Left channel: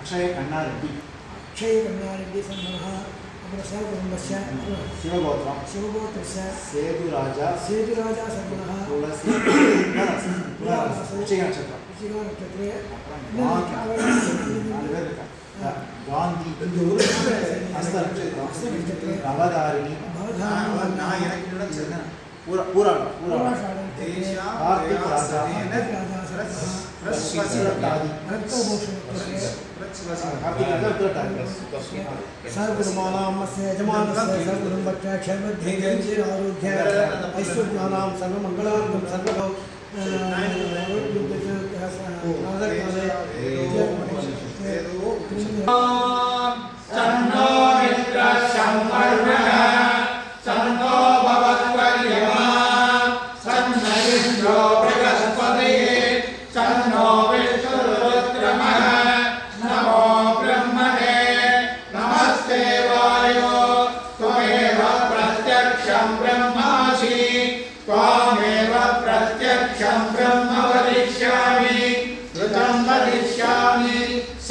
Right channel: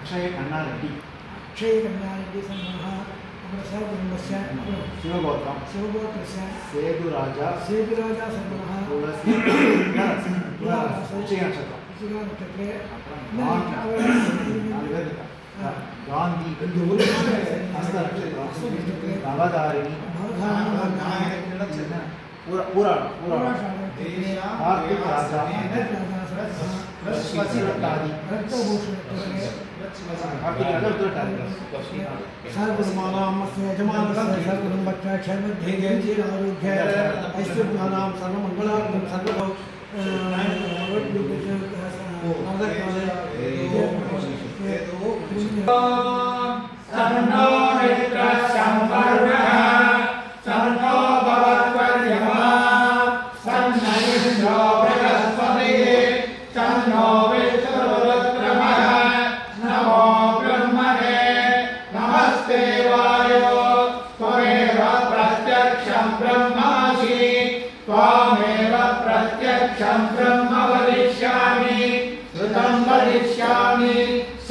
अक्षय कन्नारेड्डी सन्मनः अपरस्य कुटुम्बस्य शिवगोत्रस्य सेतुराजा सन्मनः तुलसी नक्षत्रे गांधी नवधारिणी कार्तिक राजा सर्वकुटुम्बानां यजमानस्य सर्वकुटुम्बस्य क्षेमध्ये आरोग्य ऐश्वर्याणां सर्वमङ्गलार्थं सर्व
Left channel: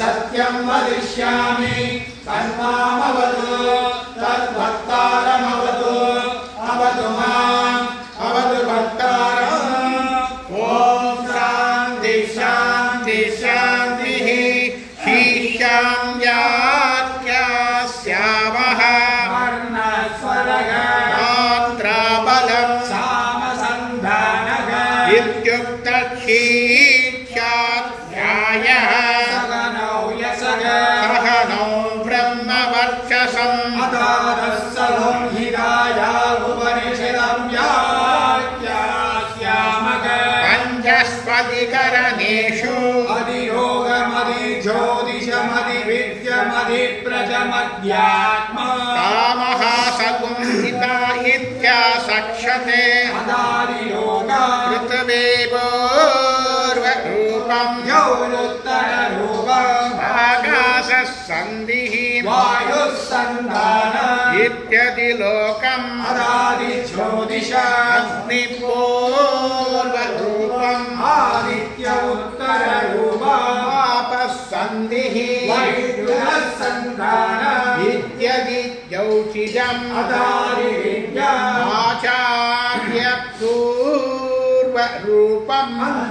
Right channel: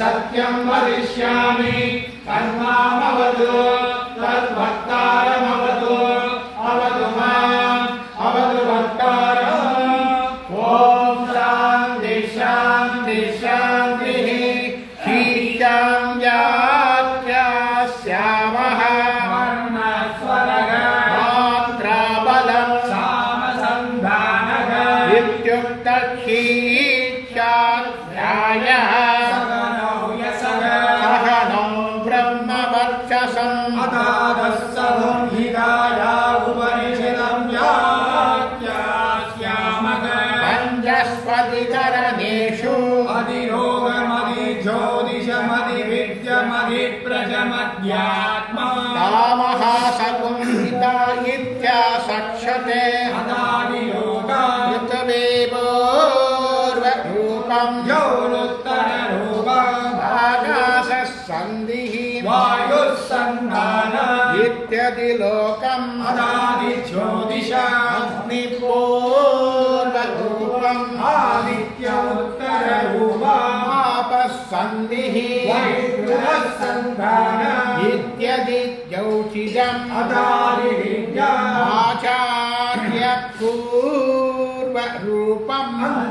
सत्यं वदिष्यामि तन्मामवतु तद्भक्तारमवतु अवतु माम् अवतु भक्तारम् ॐ शान्ति शान्ति शान्तिः शीर्षां व्याख्यास्यामः मात्राबलं सामसन्धानः इत्युक्तशीर्षाध्यायः पंचस्पतिकरणेषु अधिरोगमधिज्योतिषमधिविद्यमधिप्रजमध्यात्म कामः सगुंहिता इत्यासक्षते पृथ्वीपूर्वरूपं यौरुत्तररूपम् आकाशः सन्धिः वायुः सन्धानः इत्यदिलोकम् अदादिज्योतिषम् अग्निपूर्वरूपम् आदित्य उत्तररूपम् आपः सन्धिः वैद्युतः सन्धानः इत्यदि ज्योतिषम् अदादिविद्यम् आचार्य पूर्वरूपम्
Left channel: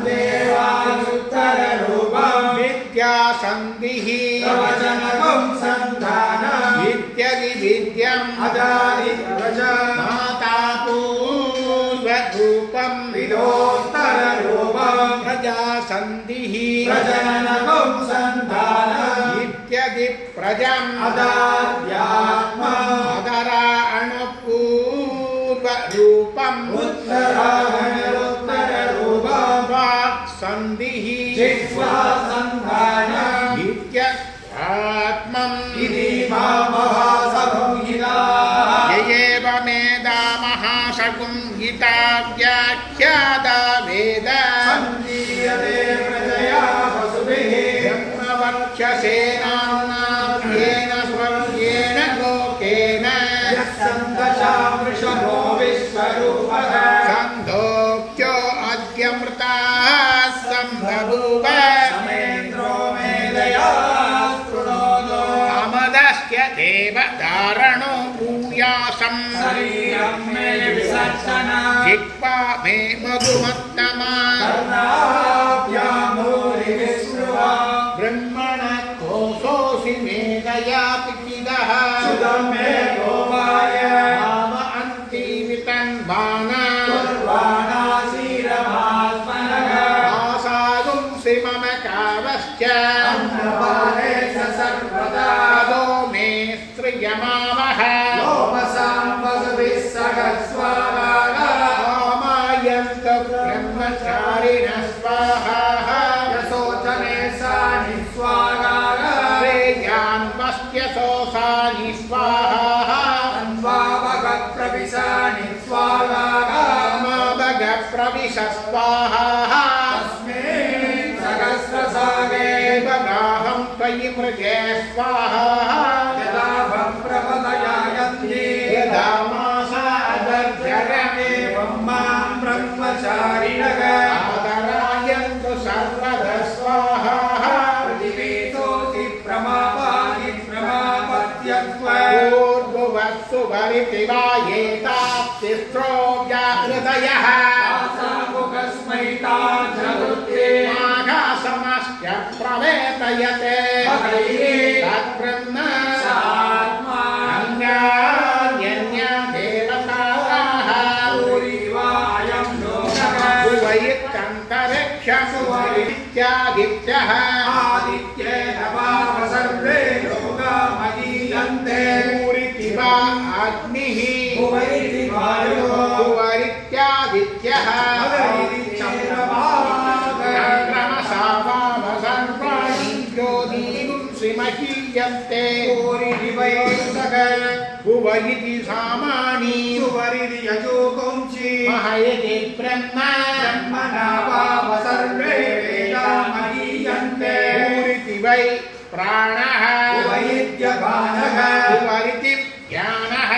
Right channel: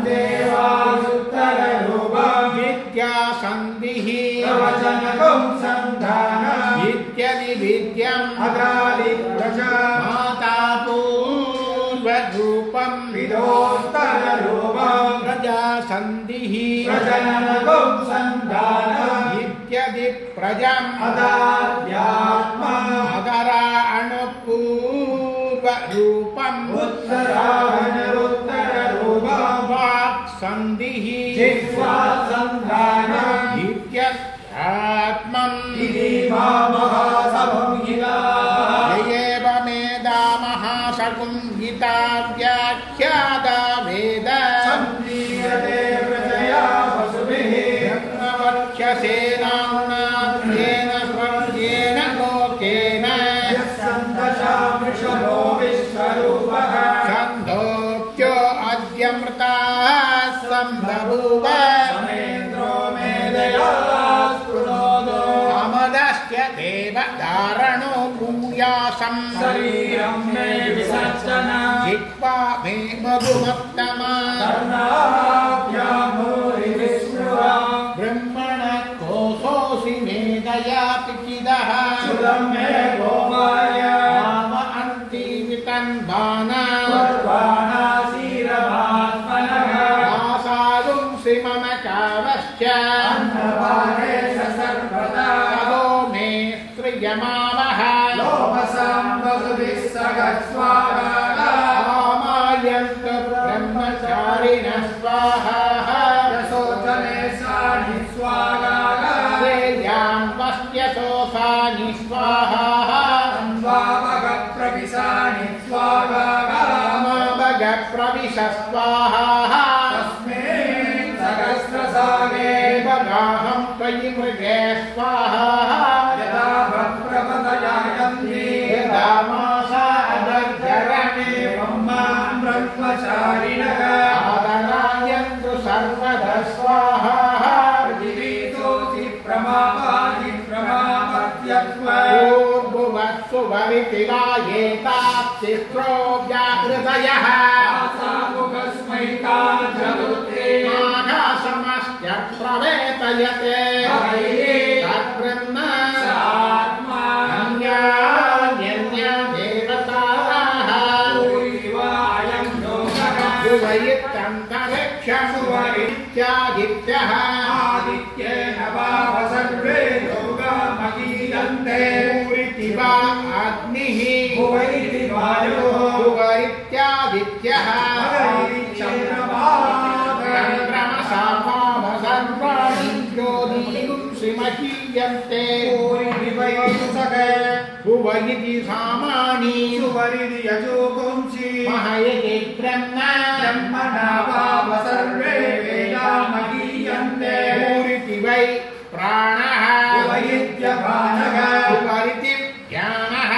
देवायुत्तररूपम् विद्यासन्धिः प्रवचनकं सन्धानः इत्यदि विद्यम् अदादि प्रजा माता पूर्वरूपम् विदोत्तररूपम् प्रजासन्धिः प्रजनकं सन्धानः इत्यदि प्रजम् अदाद्यात्मा अदराणुपूर्वरूपम् उत्तरायणोत्तररूपम् वाक्सन्धिः जिह्वा सन्धानः इत्यत्मम् इति महासंहिता एवमेदा महासंहिता व्याख्याता वेद सन्दीयते प्रजया वसुभिः ब्रह्मवक्षसेनाम्नाथ्येन स्वर्गेण लोकेन यस्सन्दशामृषभो विश्वरूपः छन्दोऽप्यो अद्यमृताः सम्बभूव समेन्द्रो मेधया स्तुनोदो अमदस्य देवधारणो भूयासम् शरीरं मे विसर्जना जिह्वा मे मधुमत्तमा कर्णाभ्यामूरि विष्णुवा ब्रह्मणः कोशोऽसि मेधया पिकिदः सुदं मे गोपाय नाम अन्तीवितन्वाना कुर्वाणासीरभात्मनः आसागुंसि मम कावश्च अन्नपाने सर्वदा ततो मे स्त्रियमामः लोमसां वसुभिः सहस्वाहा कामायन्त ब्रह्मचारिणः स्वाहा यशोचने सानि स्वाहा श्रेयान् वस्त्यशोषानि स्वाहा अन्वावगप्रविशानि स्वाहा मावगप्रविश स्वाहा तस्मिन् सहस्रसागे बगाहं त्वयि मृगे स्वाहा यदा भक्प्रपदयायन्ति यदा मासा अदर्शरणे ब्रह्मान् ब्रह्मचारिणः आदरायन्तु सर्वदा उपरिति वा एताप्तिस्त्रो व्याहृदयः आकाशमश्च प्रवेतयते तद्ब्रह्म अन्यान्यदेवताः इत्यादित्यः पूरिति वा अग्निः पूरित्यादित्यः श्रीमहीयन्ते भुवरिति सामानि महयति पूरिति वै प्राणः पूरिति ज्ञानः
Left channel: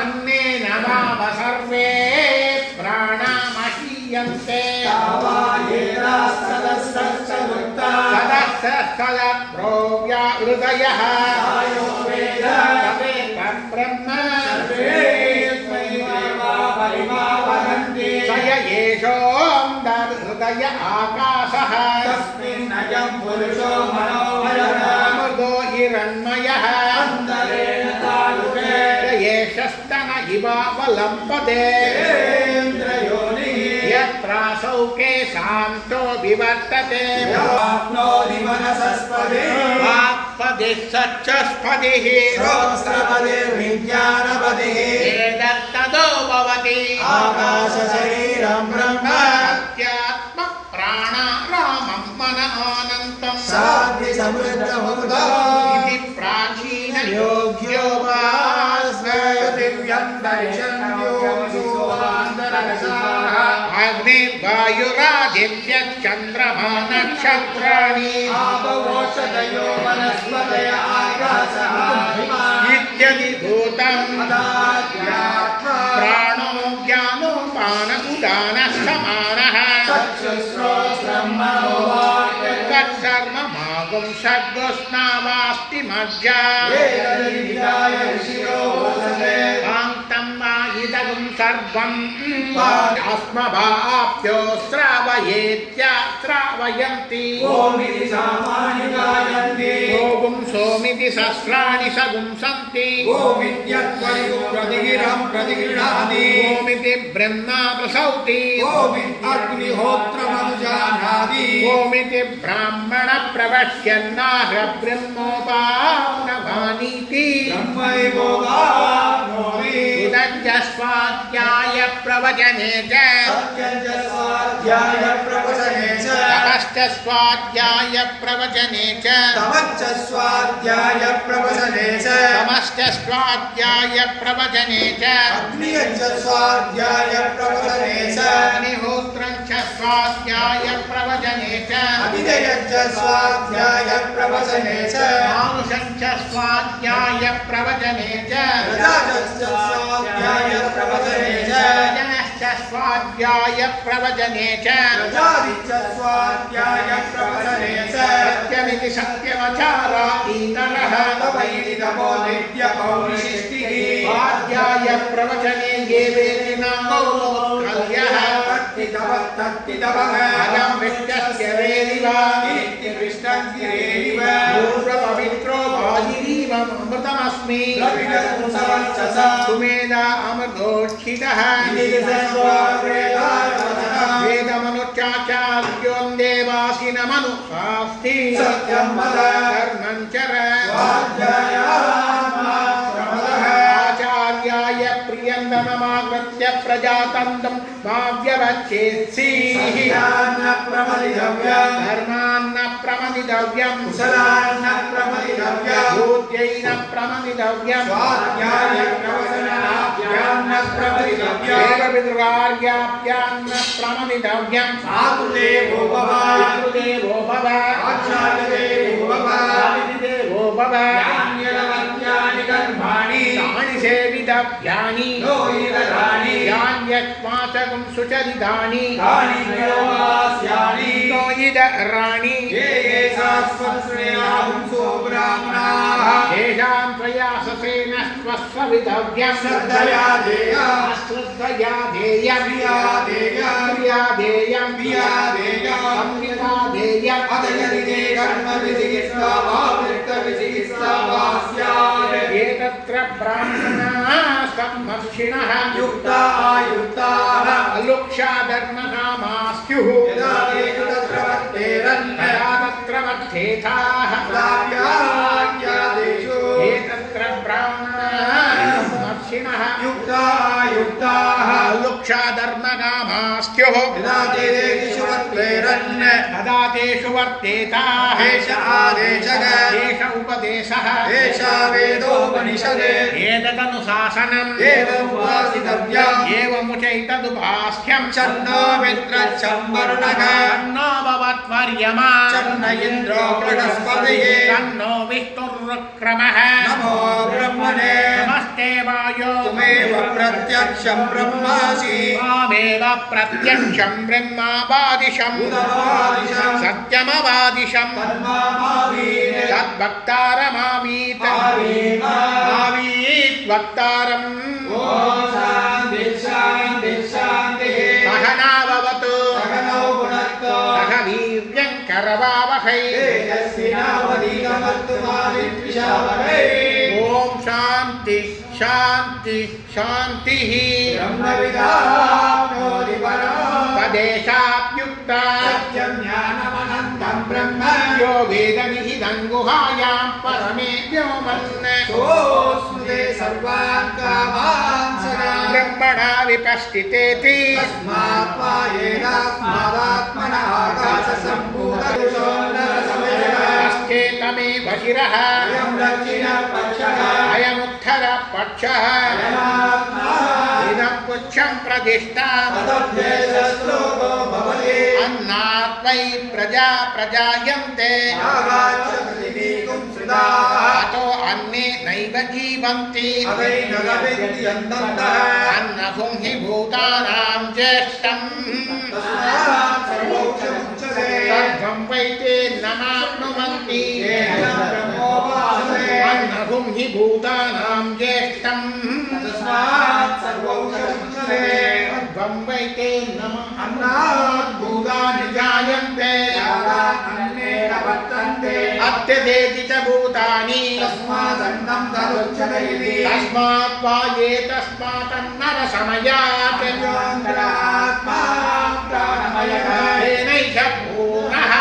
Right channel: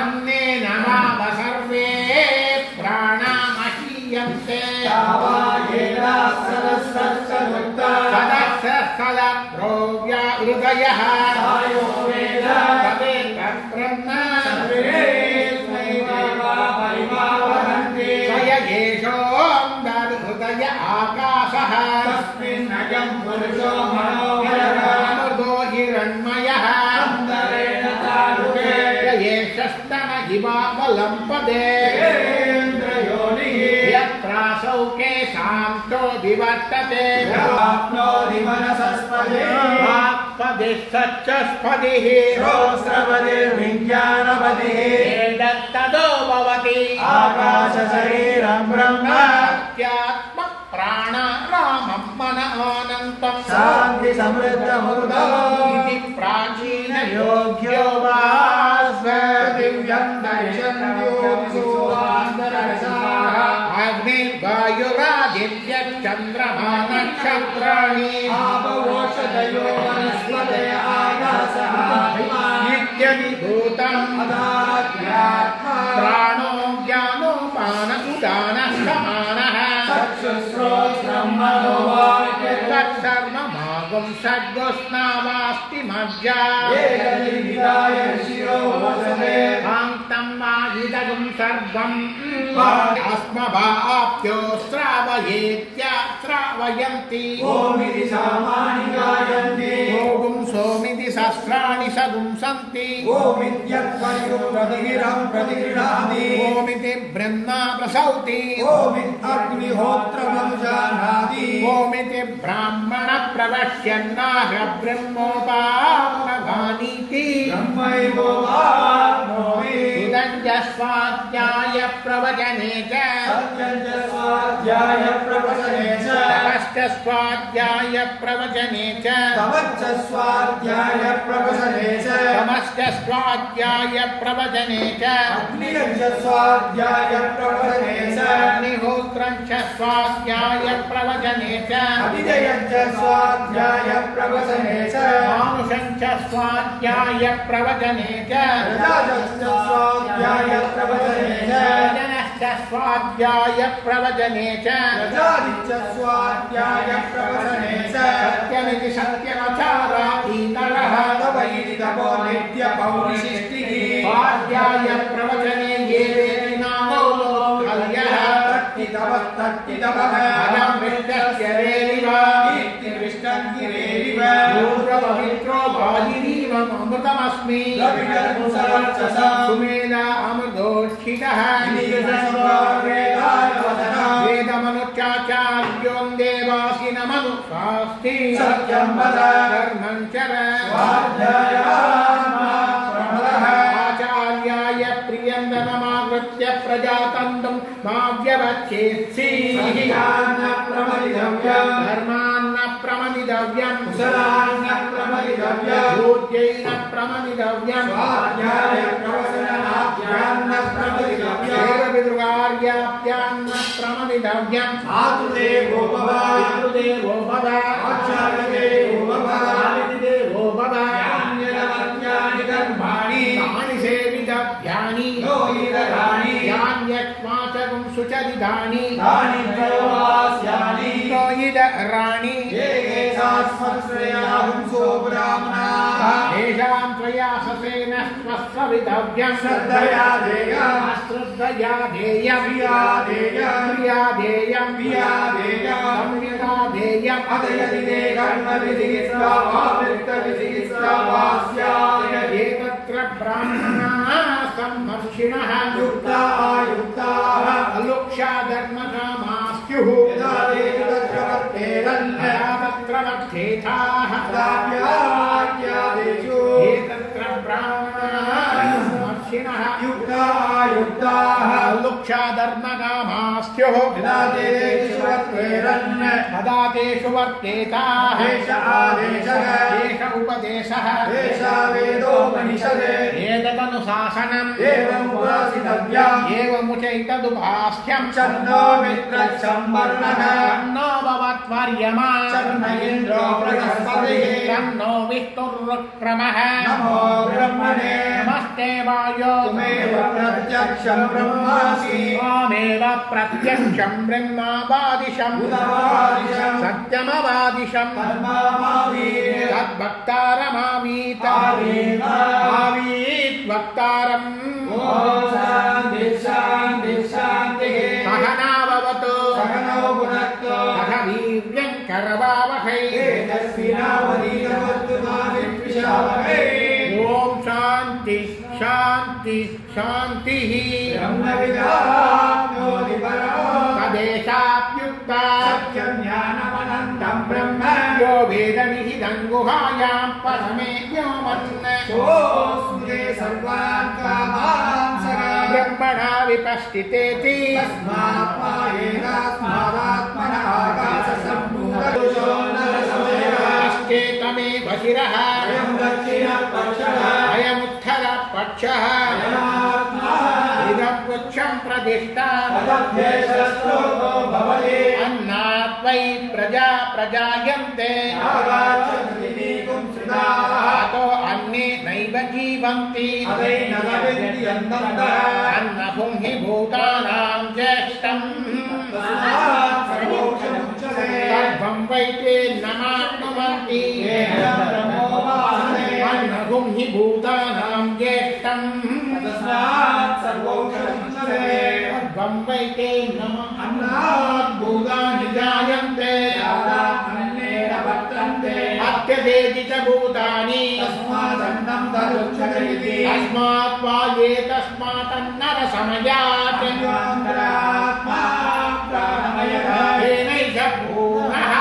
अन्नेन वाव सर्वे प्राणामहीयन्ते हृदयः ब्रह्म हृदय आकाशः अमृतो हिरण्मयः येषस्तन इवावलम्बते यत्रासौ केशान्तो विवर्तते वाक्पदिः सच्चस्पदिः श्रोत्रपदिर्विज्ञानपदिः एतत्तदो भवति आकाशशरीरं ब्रह्म आत्म प्राणारामं मन अनन्तं शान्ति समृद्धमुदा इति प्राचीन योग्योपास्म दिव्यं दर्शन्योऽसुवान्तरसाः अग्निर्वायुरादित्यश्चन्द्रमा नक्षत्राणि आपवोषधयो वनस्पतय आकाशः नित्यनिभूतं अदात्म्यात्मा प्राणो ज्ञानो पान उदानः समानः चक्षुश्रोत्रं मनोवाक्यं तत्सर्वमागुं षड्गोष्णावास्ति मज्जा एतद्विदाय ऋषियो वसते कान्तं वा इदगुं सर्वं अस्मभाप्यो श्रावयेत्याश्रावयन्ति ओमिति सामानि गायन्ति ओगुं सोमिति सहस्राणि सगुं सन्ति ओमित्यत्परिगुं प्रतिगिरं प्रतिगृह्णाति ओमिति ब्रह्मा प्रसौति ओमित्यग्निहोत्रमनुजानाति ओमिति ब्राह्मण प्रवश्यन्नाह ब्रह्मोपाप्नवानीति ब्रह्मैवोगाप्नोति उदञ्जस्वाध्याय प्रवचने च सत्यञ्च प्रवचने च तमश्च स्वाध्याय प्रवचने च तमश्च स्वाध्याय प्रवचने च तमश्च स्वाध्याय प्रवचने च अग्नियञ्च स्वाध्याय प्रवचने च अग्निहोत्रञ्च स्वाध्याय प्रवचने च अभिधेयञ्च स्वाध्याय प्रवचने च मानुषञ्च स्वाध्याय प्रवचने च प्रजातश्च स्वाध्याय प्रवचने च जनश्च स्वाध्याय प्रवचने च प्रजादिश्च स्वाध्याय प्रवचने च सत्यमिति सत्यवचारा इतरः तवैति तपो नित्यपौरुषिष्टिः स्वाध्याय प्रवचने ये वेति नामो लोकल्यः तत्तितवः अदं विष्टस्य रेरिव नित्यविष्टं गिरेरिव पूर्वपवित्रो बालिरीव अमृतमस्मि सुमेधा अमृतोक्षितः वेदमनुचाचार्यों देवासिनमनुशास्ति सत्यं वद धर्मं चर आचार्याय प्रियन्दनमाकृत्य प्रजातन्त्रं माव्यवच्छेत्सि धर्मान्न प्रमदितव्यं कुशलान्न प्रमदितव्यं भूत्यैन प्रमदितव्यं स्वाध्यायप्रवचनाभ्यान्न प्रमदितव्यं वेदविदुरार्याभ्यान्न प्रमदितव्यं मातृदेवो भव पितृदेवो भव आचार्यदेवो भव अतिथिदेवो भव यान्यनवत्यानि कर्माणि तानि सेवितव्यानि लोहितराणि यान्यत्वाचकं सुचरितानि तानि त्रयोदास्यानि लोहितराणि ये शाश्वतश्रेयाहुंसो ब्राह्मणाः तेषां प्रयाससेन भवितव्यं श्रद्धया देयं श्रद्धया देयं क्रिया देयं क्रिया देयं क्रिया देयं संविदा देयं अतयति ते कर्म विचिकित्सा आवृत्तविचिकित्सा वा स्यात् एतत्र ब्राह्मणाः सम्मर्षिणः युक्ता आयुक्ताः अलुक्षा धर्मकामास्युः यदा ते तत्र वर्तेरन् तदा तत्र वर्तेथाः प्राप्याज्ञादेषु एतत्र ब्राह्मणाः सम्मर्षिणः युक्ता आयुक्ताः अलुक्षा धर्मकामास्युः यदा ते तेषु वर्तेरन् तदा तेषु वर्तेताः एष आदेशः एष उपदेशः एष वेदोपनिषद् एतदनुशासनम् एवमुपासितव्यम् एवमुचैतदुपास्यम् छन्दो मित्रच्छम्बर्णः तन्नो भवत्वर्यमा चन्न इन्द्रो बृहस्पतिः तन्नो विष्णुरुक्रमः नमो ब्रह्मणे नमस्ते वायो त्वमेव प्रत्यक्षं ब्रह्मासि त्वमेव प्रत्यक्षं ब्रह्मावादिशं उदवादिशं सत्यमवादिशं कर्मामावीत् तद्भक्तारमावीत आवीत् वक्तारम् ॐ शान्ति शान्ति शान्तिः सहनाववतु सकलो गुणक्तो सह वीर्यं करवावहै तेजस्विनावधीतमस्तु मा विद्विषावहै ॐ शान्ति शान्ति शान्तिः ब्रह्मविदाप्नोति परमम् तदेशाप्युक्ता सत्यं ज्ञानमनन्तं ब्रह्म यो वेदनिहितं गुहायां परमे व्योमन् सोऽस्नुते सर्वान् कामान् सदा ब्रह्मणा विपश्चितेति तस्मात् पायेनात्मादात्मनः आकाशसम्भूतपुरुषो नरसमयः अस्तेतमेव शिरः अयं दक्षिणपक्षः अयमुत्तरपक्षः इदं पुच्छं प्रतिष्ठा तदभ्येषश्लोको भवति अन्नात् वै प्रजा प्रजायन्ते आगाच्छन्तिनीकुं सुधाः अतो अन्ये नैव जीवन्ति अवैनदविद्यन्तः अन्नभुं हि भूतानां ज्येष्ठम् तस्मात् सर्वोक्षमुच्यते सर्वं वै ते नमाप्नुवन्ति ब्रह्मोपासते अन्नभुं हि भूतानां ज्येष्ठम् तस्मात् सर्वोक्षमुच्यते सर्वं वै ते नमः अन्नात् भूतानि जायन्ते अन्नेन वर्तन्ते अत्यदेति च भूतानि तस्मादन्नं तदुच्यते इति तस्मात् वा ये तस्मात्तन्नरसमयात् अन्तरात्मा प्राणमयः तेनैष पूर्णः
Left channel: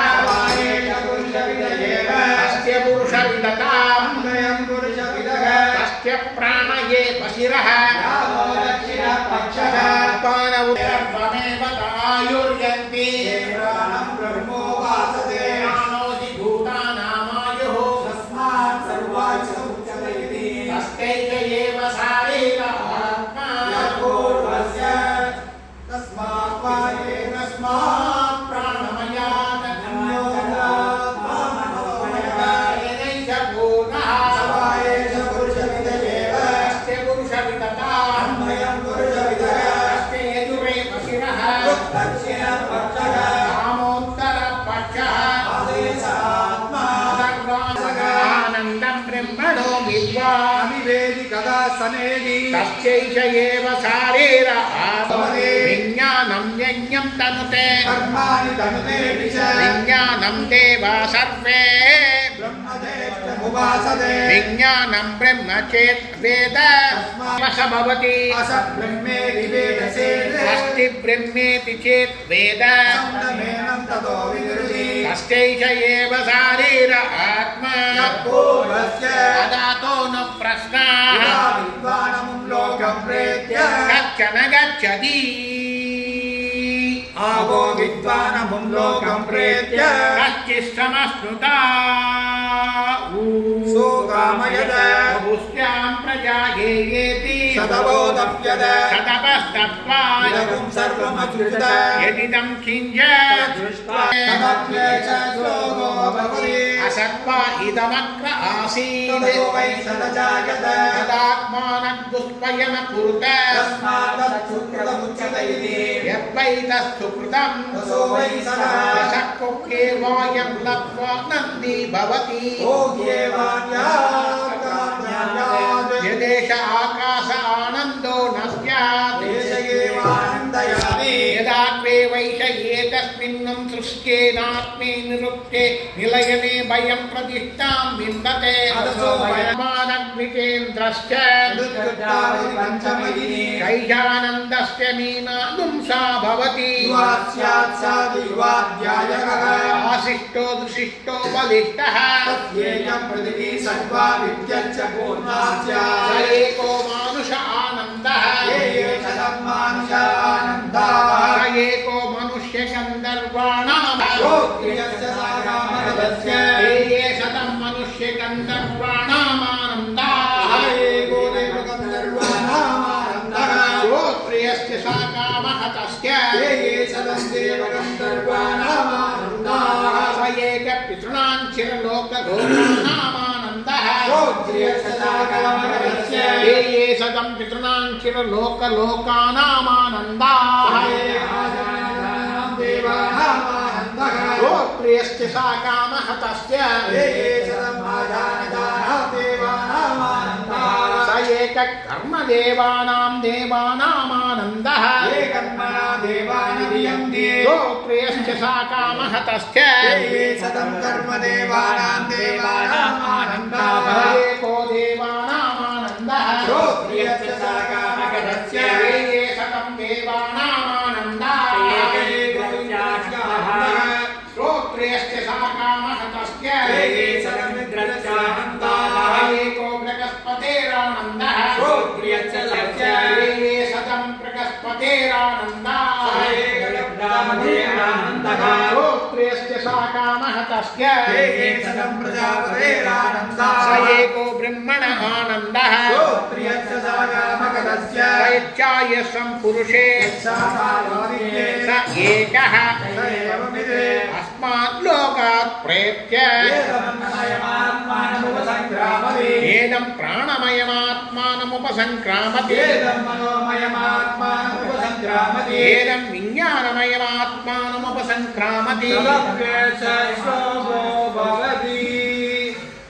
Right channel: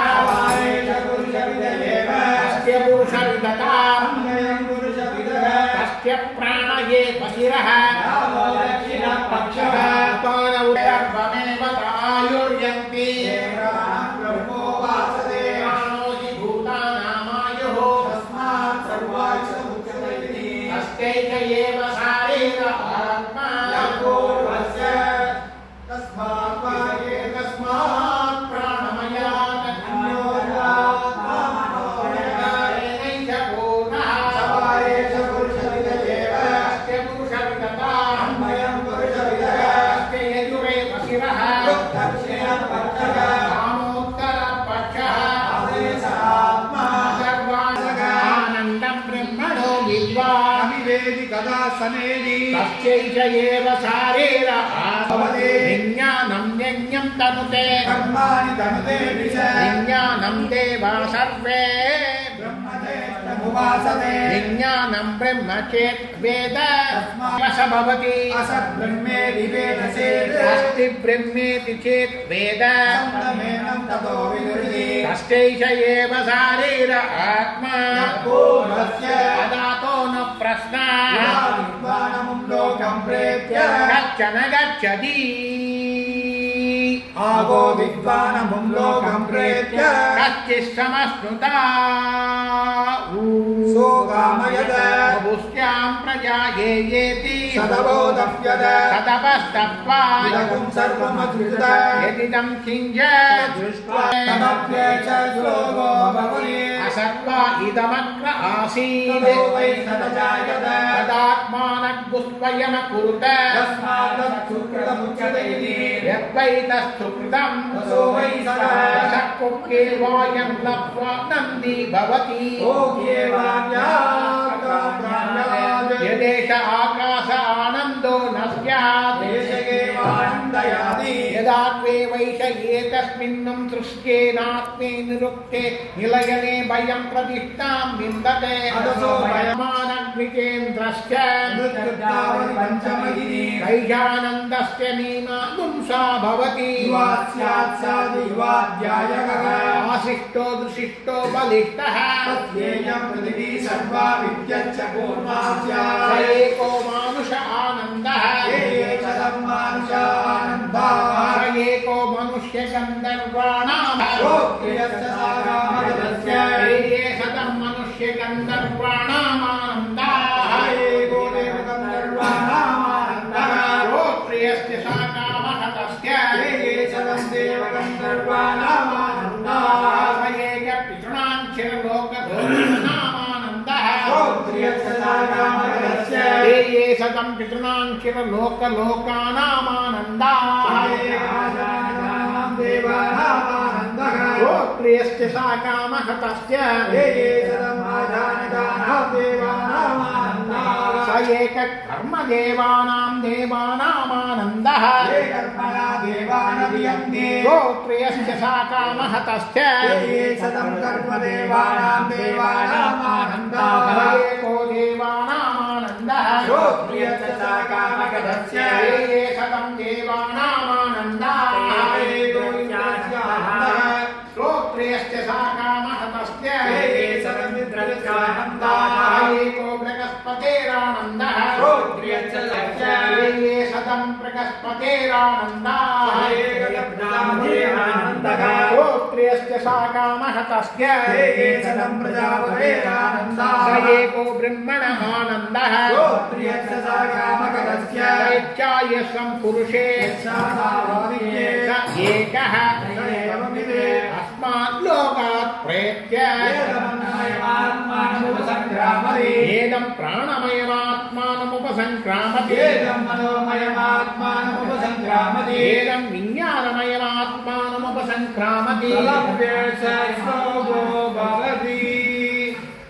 एष पुरुषविदयेव तस्य पुरुषविदताम् अन्वयं पुरुषविदः तस्य प्राणये वशिरः यावो दक्षिणपक्षः पानौर्यमेव आयुर्यन्ति प्राणं ब्रह्मोपासते प्राणोऽसि भूतानामायुः तस्मात् सर्वायुषमुच्यते इति तस्यैष एव शारीरमात्मा पूर्वस्य तस्मात् वा एकस्मात् प्राणमयात् अन्योरात्मा मनोमयः तेनैष पूर्णः समायेष पुरुषविदयेव तस्य पुरुषविदताम् अन्वयं पुरुषविदः तस्य यजुरेव शिरः दक्षिणपक्षः वामोत्तरपक्षः आदेशात्मा सर्वानन्दं ब्रह्मणो विद्वान् अविवेदिकदा सनेदि तस्यैष एव शारीर भवति विज्ञानं यज्ञं तनुते कर्माणि तनुतेऽपि च विज्ञानं देवा सर्वे ब्रह्मदेवमुपासते विज्ञानं ब्रह्म चेत् वेद स भवति अस ब्रह्मेति वेदचेत् अस्ति ब्रह्मेति चेत् वेद सप्तमेनं ततो विदुषि तस्यैष एव शारीर आत्मा पूर्वस्य तदातो न प्रश्नः विद्वानमुं लोकं प्रेत्य कश्चन गच्छति आगो विद्वानमुं लोकं प्रेत्य कश्चित्समश्नुता सोकामयद बहुस्यां प्रजा ये येति सदबोधप्यद ततपस्तत्त्वा इदं सर्वमधुरित यदिदं किञ्च दृष्ट्वा तमप्येष श्लोको भवति असत्त्वा इदमत्र आसीत् ततो वै सदजायत तदात्मानद्दुष्पयमकुरुत तस्मादच्छुकृतमुच्यते इति यद्वै तत्सुकृतं ततो वै सदः शक्कुक्केवायं लब्ध्वा नन्दी भवति ओह्येवाव्याप्ताव्याप्तात् यदेष आकाश वैष एकस्मिन्नं सृष्टेनात्मे निरुक्ते निलयने भयं प्रतिष्ठां विन्दते मानग्निकेन्द्रश्च कैजानन्दस्य मीनादुंसा भवति आशिष्टो दुशिष्टो बलिष्ठः स एको मानुष आनन्दः स एको मनुष्य गन्धर्वाणाम् ये शतं मनुष्य गन्धर्वाणामानन्दाः श्रोत्रियस्य सा कामः तस्य स एकपितॄणां चिरलोकघोराणामानन्दः ये शतं पितॄणां चिरलोकलोकानामानन्दाः श्रोत्रियस्य सा कामः तस्य स एककर्मदेवानां देवानामानन्दः श्रोत्रियस्य सा कामः तस्य एको देवानामानन्दः श्रोत्रियस्य सा कामः तस्य ये शतं देवानामानन्दः श्रोत्रियस्य सा कामः तस्य एको बृहस्पतेरानन्दः ये शतं बृहस्पतेरानन्दाः श्रोत्रियस्य सा कामः तस्य स एको ब्रह्मणः आनन्दः यच्चायसं पुरुषे स एकः अस्मात् लोकात् प्रेत्य एदं प्राणमयमात्मानमुपसंक्रामति एदं विज्ञानमयमात्मानमुपसंक्रामति